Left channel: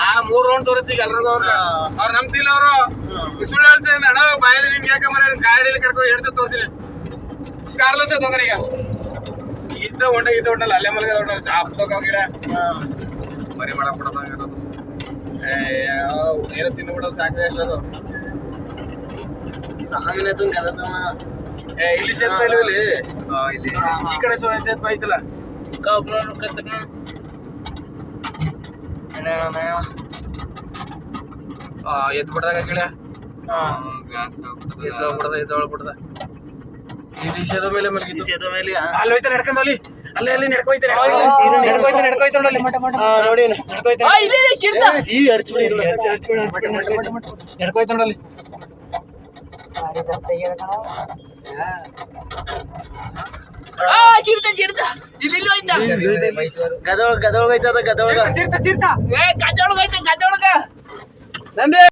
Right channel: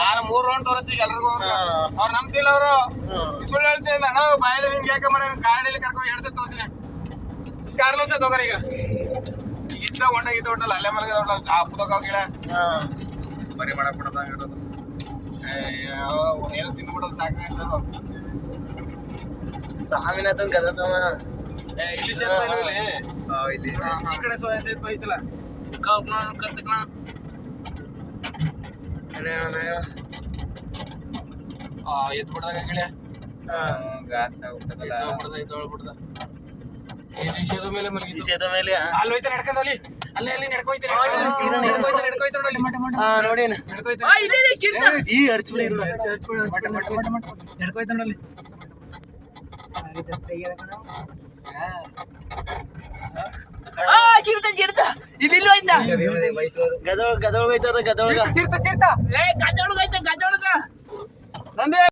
ನಾನು 3 ರೌಂಡ್ ತೋರಿಸ್ತೀವಿ ಎಲ್ರಿಗೂ. ಅವ್ರು ನಂಬ್ತಿಲ್ಲ, ಅವರು ಸುಳ್ಳು ಹೇಳ್ತಿದ್ದ ಅಣ್ಣ ಬಾಯಲ್ಲಿ ನಿನ್ಗೆ ಯಾಕೆ ಮರ ಗಾಡಿಯಲ್ಲಿ ಕರ್ಕೊ 2 ಸಲ ತೋರಿಸಿನ ಕಾರ್ಲೋಸ್ ತಗೋರೀಗ ಇದ್ದ ಹೊಂಡಲ್ಲ ಅಲ್ಲೇ ಮಲಗ ಗಿಡ ಮರಿ ಮಾಡಬಿಡೋದು ಏನೋ ತಿಂದ್ಬಿಡೋದು ಸಾಕು ಎಷ್ಟದು ಸಾಮಿನ ಕದತವ. ಇಲ್ಲಿ ಸೇತುವೆ ಇಲ್ಲಿ ಈ ಕಡೆ ಸೇತುವೆ ಐತಲ್ಲ ಎತ್ ಬಿಡದಾಗ ಗಿಡ ಎದ್ದೋಗ್ಬಿಡದ ಈ ದಿಶದ ಮೇಲೆ ಮಲಗಿದ ಮೇಲೆ ಅಲ್ಲಿ ಹೋಯ್ತಾ ನಡ್ಕೊಂಡ್ ಅಲ್ಲಿ ಅಲ್ಲಿ ನಡ್ಕೋಯ್ತಾ ನೋಡಿ ಈ ಹರ್ಚ್ಬಿಡಿ ನಡ್ಕೋಯ್ತಾ ನೋಡಲ್ಲಿ ಗದೊಳಗ ನಂದೇ